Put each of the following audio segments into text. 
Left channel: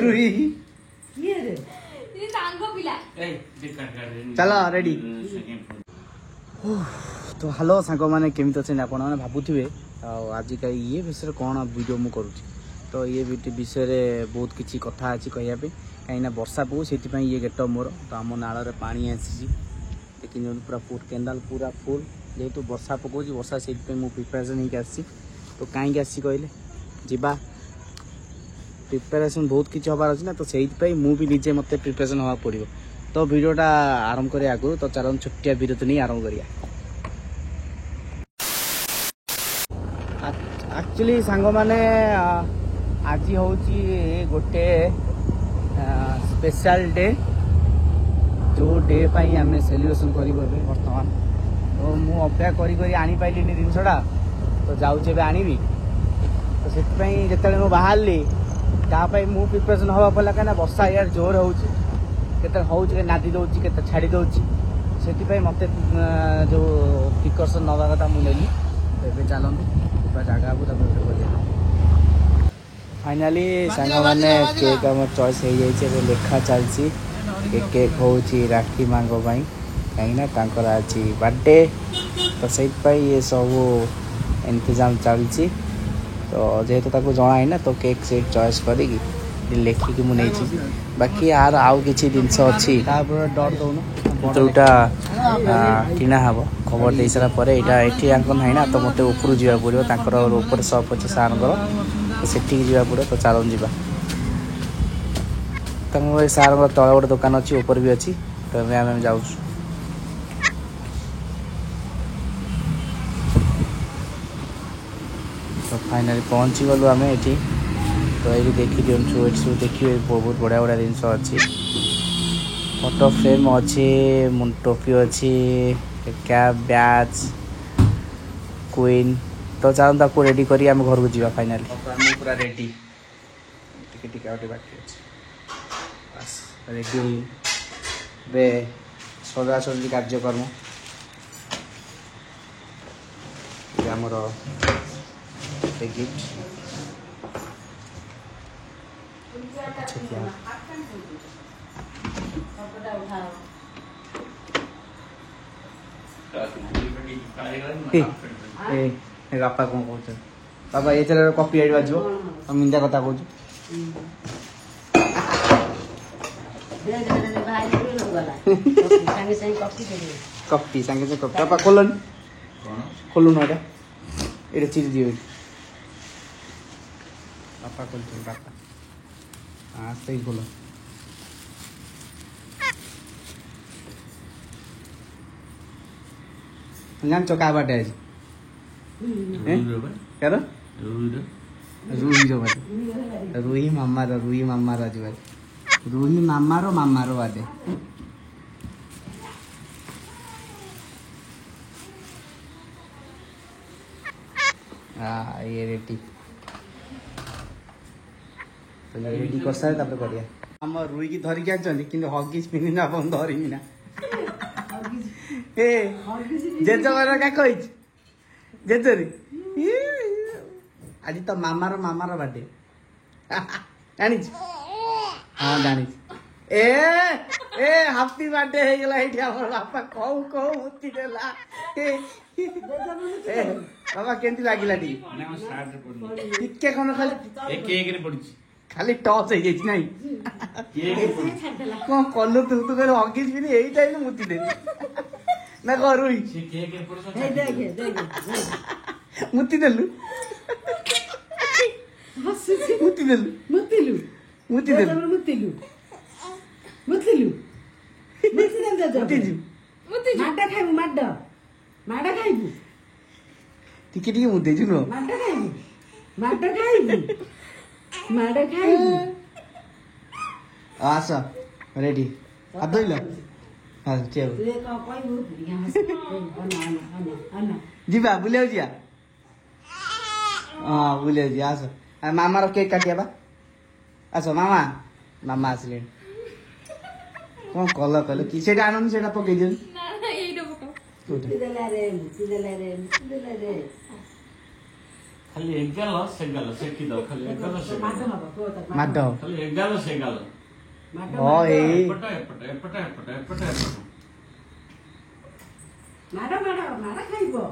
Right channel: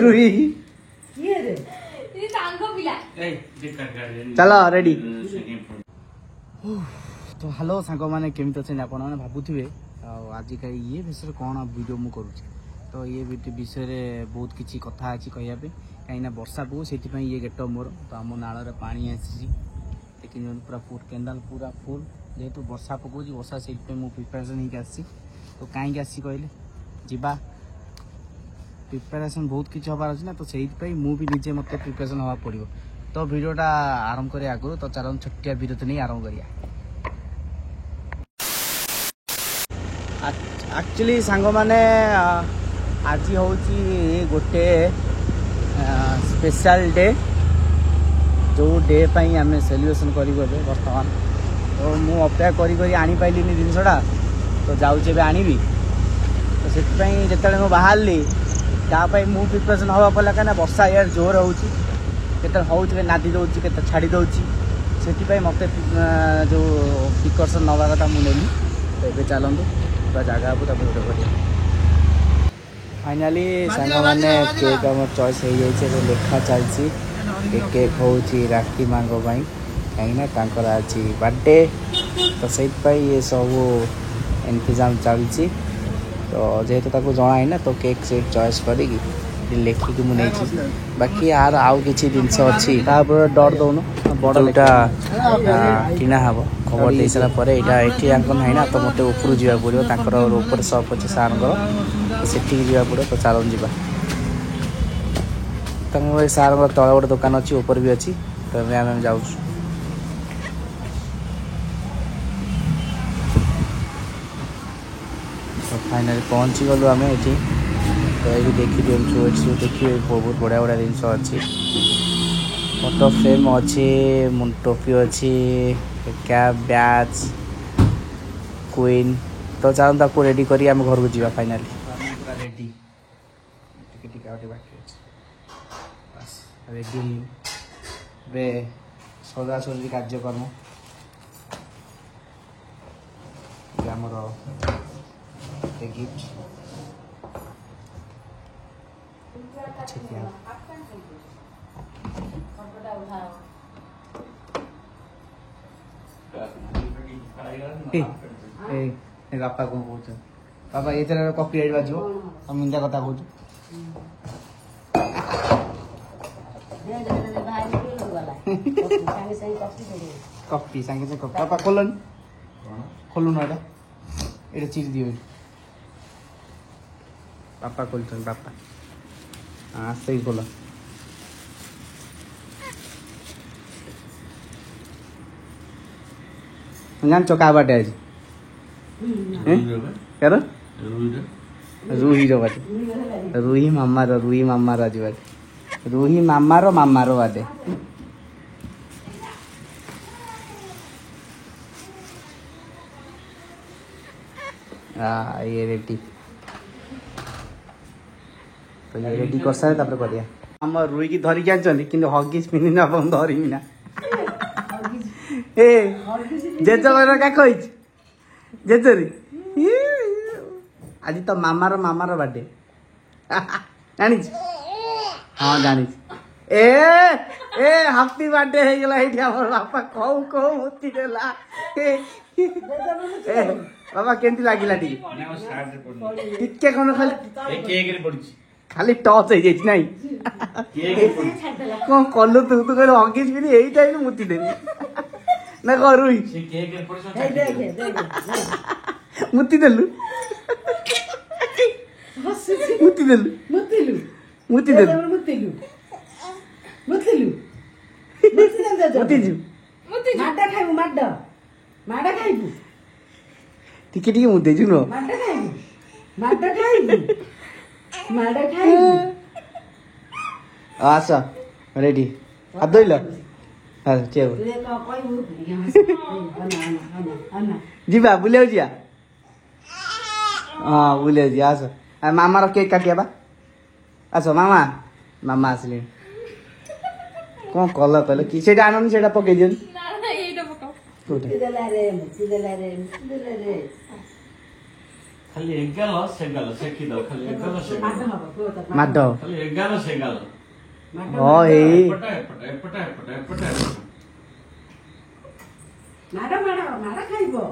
रुई चलो रेडी तो हेलो सांग मैंने केमी अच्छे आप भावुवे आज का ये विषय कौन वीडियो मु करुँच तो ये विषय बहुत किसी कथा अच्छी कहवाई कहीं वर्षा पकड़ से ये गेट मोर तो आम नाल पानी आसी देखिए पूरा फुल केनाल पूरा फुल जेहेतु वर्षा पकाऊँ वर्षा से प्रिपेरेसन होगी आसी तो कहीं आसी कहले जीवा प्रिपेरेसन बहुत किसी हबार अच्छी ना तो से मुझे निजे मत प्रिपेरेसन हवा पड़ो तो वीडियोटा आरंभ करें आगु तो चलो छोटिया विरति नहीं आरंभ करिया एक्चुअली सांग मैंने आज हूँ गोटे स्पेशल डे जो डे पाई आम सेलिब्रेशन करूँ बर्तमान तो मुझे अपेक्षा करी आनी पाइली जिनसा तो जाऊँचे आनी तो से जिते बाहर तापाई मु प्रिपेरेसन हवा पड़ा कहीं वर्षा यार जोर होते नादी दौर के छाड़ी दौची से मत जो प्रिकसन नवा कथा मुझे तो ये चलतु पूरा जगह फाइनाली सांग मैंने केक आम चॉइस हो जाए लेखा चलती केक हूँ राखी माँ कहीं आज बर्थडे तो से ये सब इंतजाम चलती तो जेहेतु ताको जना है ना तो केक से चॉइस करी लेखिकी मुझे बाकी यार आउ किसी जिनस अच्छी डर दौन जोटा किना हम खबर दे सारापर यहाँ ये ना तो मत ऊपर जा पड़ो ऊपर सप अच्छे सार तो सेठी जा पड़ो तो चलो जा सार तले गोटे दुकान अच्छी ऊपर भी अच्छी तो आम जाऊँ तो फाइनाली पहुँची गलु आम ये तो ये देखी दिखाँ देखिए बहुत बढ़िया बढ़िया जिनस अच्छी फोटो फ्रेम अच्छी टोपी अच्छी कैप बैच क्वीन तो चलता आपको रेडी करी आम घर को जा फाइनाली पूरा रेडी रेडी बे सजासजी कार्यक्रम आमर गिफ्ट बापा कौन कह बाबा ये कॉपी राइट बाजो मिंदा कथा कह कॉपी सांगे से कॉपी बापा खोलन खोलु ना ये चिरी दिए बापा खोलते बापा हाँ सही बोला जान चौका बाटे आज रूही रो बाटे रूही मामा रो आज बाटे रूही मामा रो बाटे ये रेडी तो ये रेडी कर सारे तापर करिया हम रुई की धरी के आछन किंतु हगिस पिनी ना अपन धरी ना ए जेजो वाला का कहि जेजो रे आज तो मामारो बर्थडे जानी हां जानी ए ए हैप्पी बर्थडे हे गेला हे हमर बापा कहू मुक्ति देला बाबा केंती लागिला दी टिके कोन खाली एक रे पड़ची खाली टच हो जाई नहीं कौन कलु तू तो कर हगिस भी एई टाइम मुक्ति देबी ना करुई मुक्ति देलु मुक्ति आसा रेडी हाथ धोइल जीवा बुले जा हाँ बुले जा आस मामा केक काटिया बा आस मामा मामा आसले कौन कल कहल कि आनंद से पकई दियो खाली एगाल से गाल सेकी दो खाली एगाल से माड खाली एगाल से गाल हाँ ए एपटा एपटा एपटा एपटा एपटा मारा खाइबो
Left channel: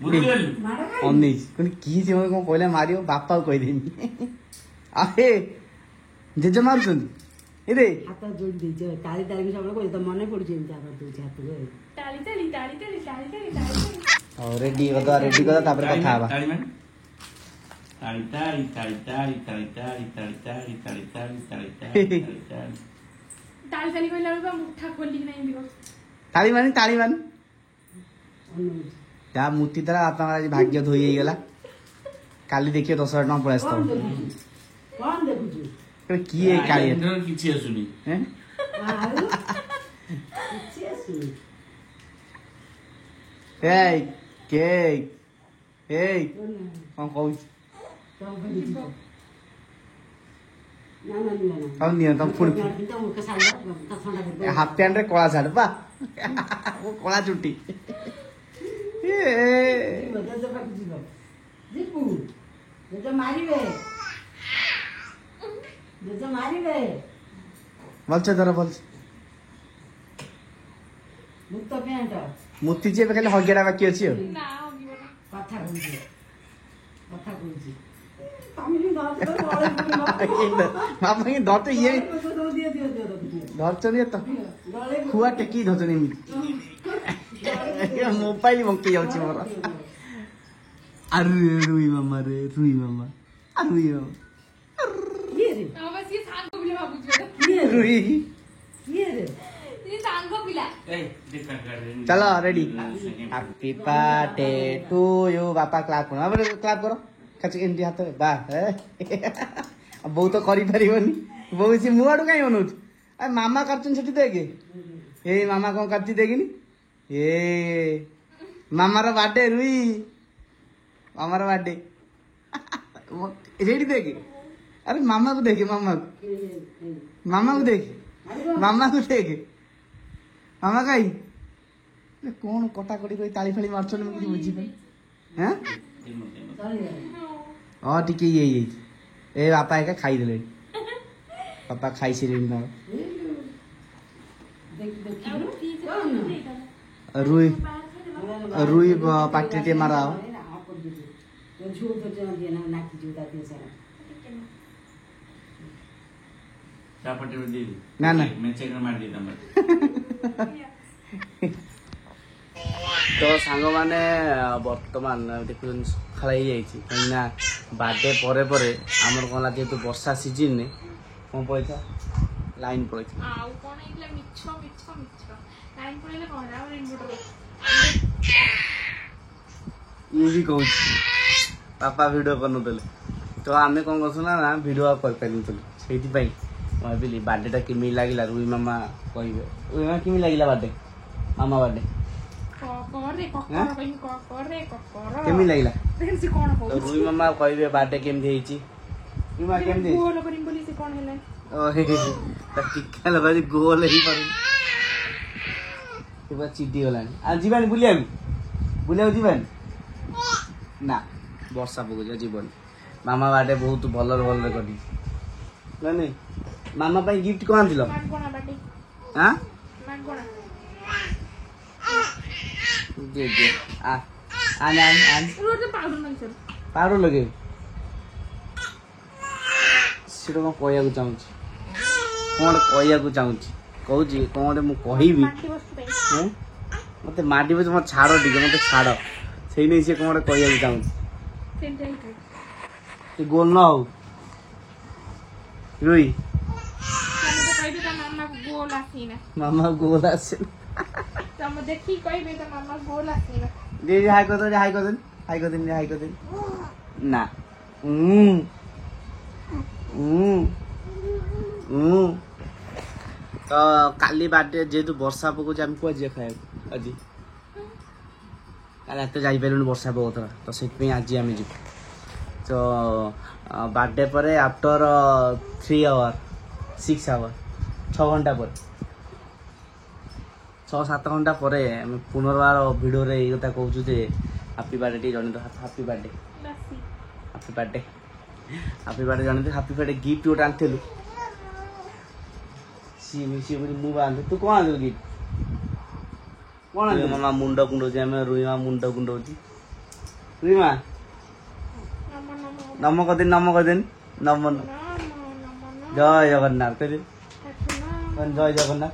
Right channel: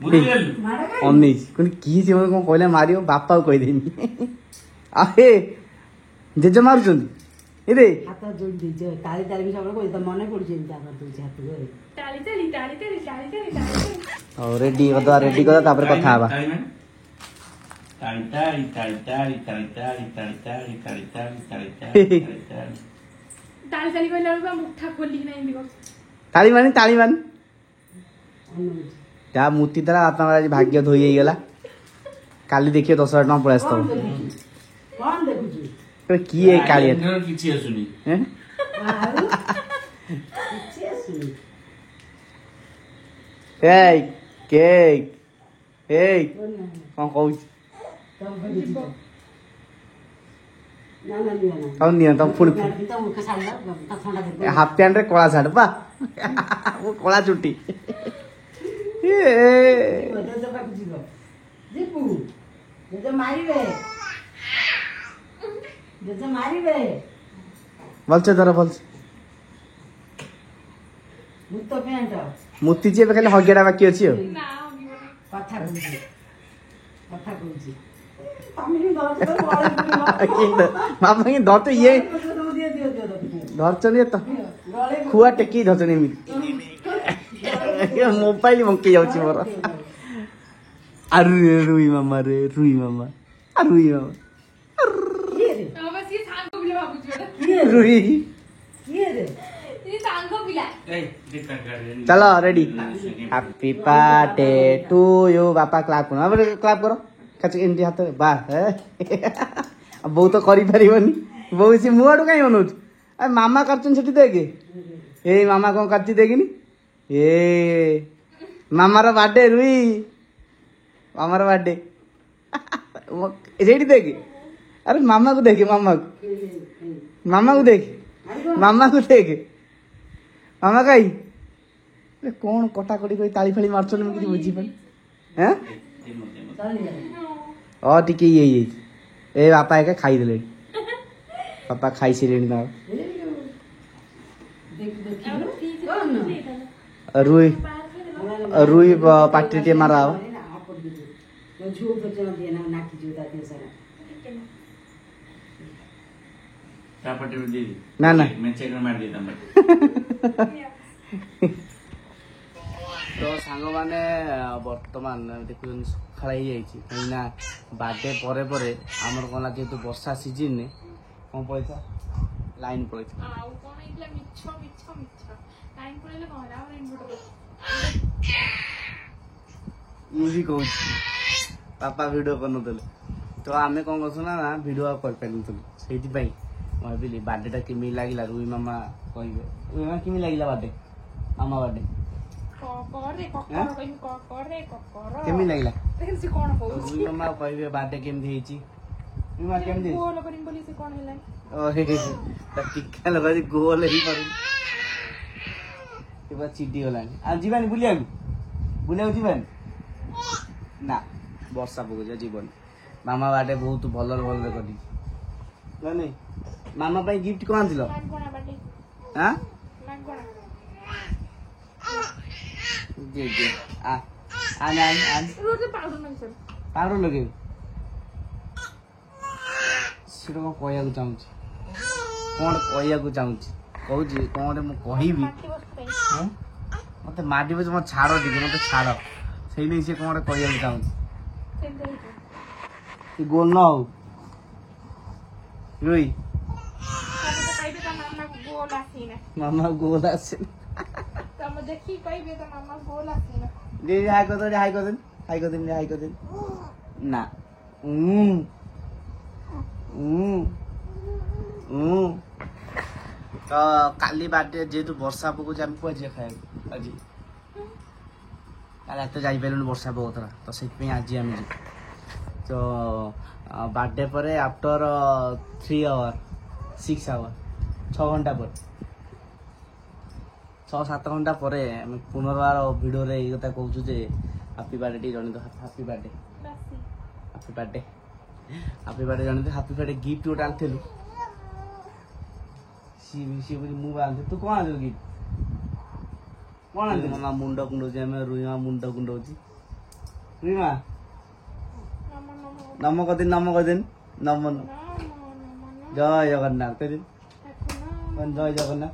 बुझिल अनिज कोनी की जीवन को कहले मारियो बापा को कहि देनी अरे जेजे मारुछन इरे हाथ जोड़ दीजे ताली ताली भी सब को तो मने पड़ जे जा कर दो हाथ को ताली ताली ताली ताली ताली ताली और रेडी कर तापर कथा आबा ताली ताली ताली ताली ताली ताली ताली ताली ताली ताली ताली ताली ताली ताली कहले बा मुठा खोली नहीं दिगो ताली मानी जा मूर्ति द्वारा आत्मा आज भाग्य धोई गला काली देखिए 10,000 टका पड़े आस्तो कौन देखु तो की है काली किछि सुनी हैं ए केक ए कौन कहू कौन निया तुम फुल हाफ पैंट रे कोला साड़ पा कोला चुट्टी बोलছে ধরো বল মূর্তি যে খালি হগেরা বাকি আছে না কথা কইছি মামা কি ধরতো ইয়ে ধরছো নিয়ে তো খুয়া টেকি ধরছো নি মোবাইল মঙ্কি যাଉଛି মোর আরে রুই মামা রুই মামা বাবা সি সাঙ্গ বিলা বাবুজি রুই ये सांगो पिला ए देखा गाड़ी चलो ready happy birthday to you Bappa clap करो अब क्लैप करो कच इंडी हाथ बा अब बहुत तो करि परिबनी बहुत सी मुआडू काई बनउ अरे मामा करचन छुट्टी देगे ए मामा कोन करती देगिनी ए मामार बर्थडे रुई मामार बर्थडे रेडी देगे अरे मामा को देखे मामा को देखे मामा कही कौन कटाकटी कर ताली फाली मार्चन मुझे बुझी पानी हैं टिके ये ए बापा एक खाई देले पापा खाई से ना रुई पाटी टे मारा चापटी में दे ना मैं चेक मार देता मैं तो सांग माने वर्तमान देखुन सकाळ कहीं बार्थडे परे परे आमर कला जेहेतु वर्षा सीजन ने कौन पड़ता लाइन पड़ता मुझे कहूँ पापा वीडियो करनुले तो आम कौन कर वीडियो कर से भाविली बार्थडे केमी लगे रुई मामा कहे रुई मामा केमी लगे बार्थडे मामा बार्थडे केमी लगे रुई मामा कहे बार्थडे केमती टीका लगा गोल चिटी गला जीवानी बुलिया जीवानी ना वर्षा पकड़ जीवन मामा बार्थडे बहुत भल भल करी नहीं मामा पाई गिफ्ट कौन आन हाँ पाउडर लगे सीट कौन कहू चाहूँ कौन मुझे मत माटी बस मत छाड़ टे मत छाड़ से नहीं से कौन कहू चाहूँ गोल न हो रुई मामा गोल आसे देखी कहबे त मामा गोल आसीना दीदी हाय कर दे ना तो काली बाटे जेहेतु वर्षा पकड़ आम कुआ जा खाए आज काली तो जापर वर्षा पकड़ा तो से आज आम जी तो बार्थडे पर आफ्टर 3 आवर 6 आवर 6 घंटा पर 6-7 घंटा पर पुनर्बार भिडियो रे कथा कहूँ जे हैप्पी बर्थडे जन तो हैप्पी बर्थडे ହାପି ବାର୍ଥଡେ ଜାଣନ୍ତି ହାପି ବାର୍ଥଡେ ଗିଫ୍ଟ ଗୋଟେ ଆଣିଥିଲୁ ସିଏ ମୁଁ ଆଣିଥିଲି ତୁ କ'ଣ ଆଣିଥିଲୁ ଗିଫ୍ଟ କ'ଣ ଆଣିଥିଲୁ ମାମା ମୁଣ୍ଡ କୁଣ୍ଡଉଛି ଆମେ ରୁଇମା ମୁଣ୍ଡ କୁଣ୍ଡଉଛି ରୁଇମା ନମ କରିଦେନି ନମ ଜୟ ଜଗନ୍ନାଥ କହିଲେ ଜୟ ଜଗନ୍ନାଥ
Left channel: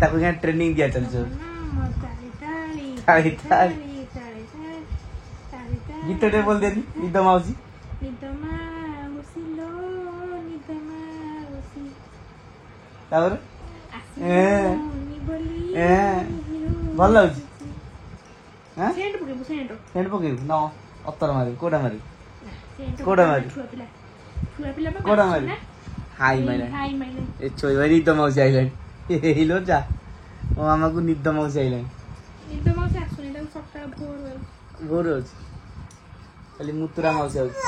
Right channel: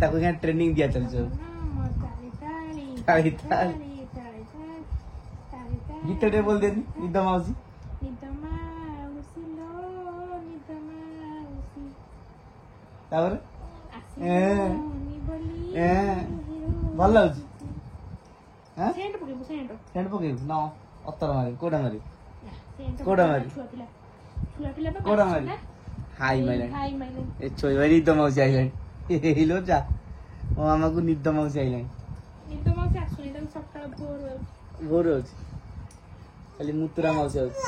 ତାକୁ ଟ୍ରେନିଂ ଦିଆ ଚାଲିଛି ଗୀତଟେ ବୋଲ ଦେନି ନିଦ ମାଉସୀ ତାପରେ ଭଲ ଲାଗୁଛି ସେଣ୍ଟ ପକେଇବୁ ନ ଅତର ମାରିବୁ କୋଉଟା ମାରିବୁ ହାଇ ମାଇଲାଣି ଏ ଛୋଇ ନିଦ ମାଉସୀ ଆଇଲାଣି ହେଇଲୋ ଯା ମୋ ମାମାକୁ ନିଦ ମାଉସୀ ଆଇଲାଣି ଭୋର ଅଛି ଖାଲି ମୁତୁରା ମାଉସୀ ଆଉଛି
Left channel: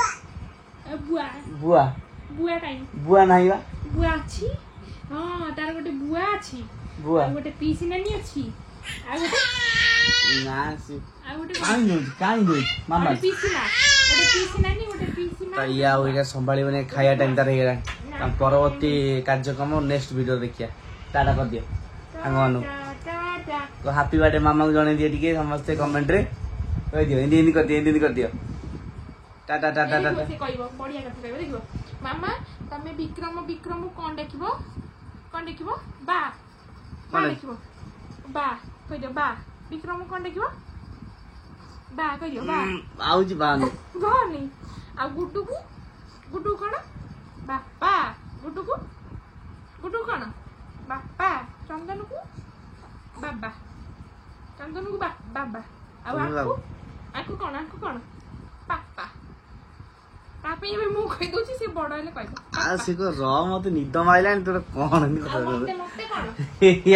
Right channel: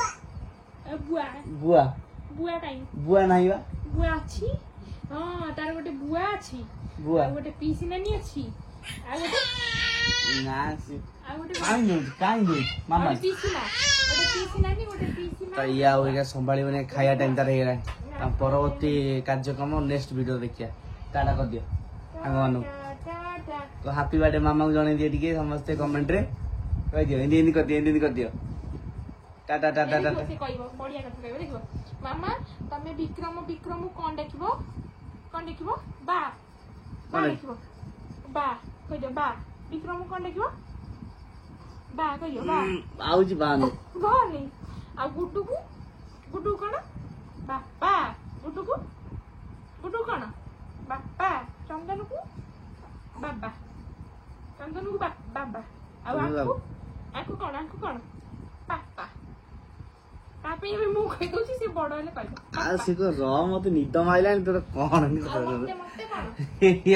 ବୁଆ ନାହିଁ ବା ବୁଆ ଅଛି ହଁ ତାର ଗୋଟେ ବୁଆ ଅଛି ବୁଆ ଗୋଟେ ପିସି ନାନୀ ଅଛି ଆଉ ଗୋଟେ କାଇଁ ନଉଛି ମାମା ପିସି ନାନୀ ଗୋଟେ ପିସି ତ ଇଏ ଆଉ ଏଇଟା ସମ୍ଭାଳିବନି ଖାଇବା ଟାଇମ୍ ତାର ହେଇଗଲାଣି ପରବର୍ତ୍ତୀ କାର୍ଯ୍ୟକ୍ରମ ନେକ୍ସଟ ଭିଡ଼ିଓ ଦେଖିବା ଟାଟା କରିଦିଅ ସାଙ୍ଗମାନଙ୍କୁ ହାପି ବାର୍ଥଡେ ମାମାକୁ ଜଣେଇ ଦିଅ ଟିକେ ସମସ୍ତେ କମେଣ୍ଟରେ କହିଦିଅ ଏମିତି କରିଦିଅ ଟାଟା ଟାଟା ଟାଟା କହିବ ବଢିଆ କଥା କହିବ ଦେଖିବ ମାମା ତମେ ବିକ୍ରମ କଣ ଦେଖିବ ବା ଦେଖିବ ବା କହିଦିଅ ବା ବିକ୍ରମ କଣ ଦେଖିବ ବା କହିଦିଅ ବା ଆଉଛି ବା ଘରନି ଆଉ ଗୁଡୁକୁ କଣ ବାପା ଗୁଡୁକୁ କଣ ବାପା ଚନ୍ଦନକୁ ବାବା ଆଉ ଆକୁ କଣ ବାପା ତାପରେ ଏବେ ମୁଁ କହିଦଉଛି ସେ ବଡ ହେଲେ କହିବ ମତେ ନିଦ ମାଇଲାଣି ତୋର କଣ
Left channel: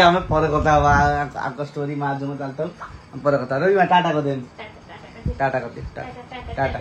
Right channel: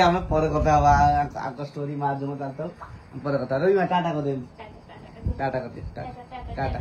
ଆମେ ପରେ କଥା ହବା ଆଗ ଷ୍ଟୋରି ମା ଯୋଉ ଚାଲିଥାଉ ପରେ କଥା ରହିବା ଟାଟା କରିଦିଅନ୍ତି ଟାଟା କରିଦିଅ ଟାଟା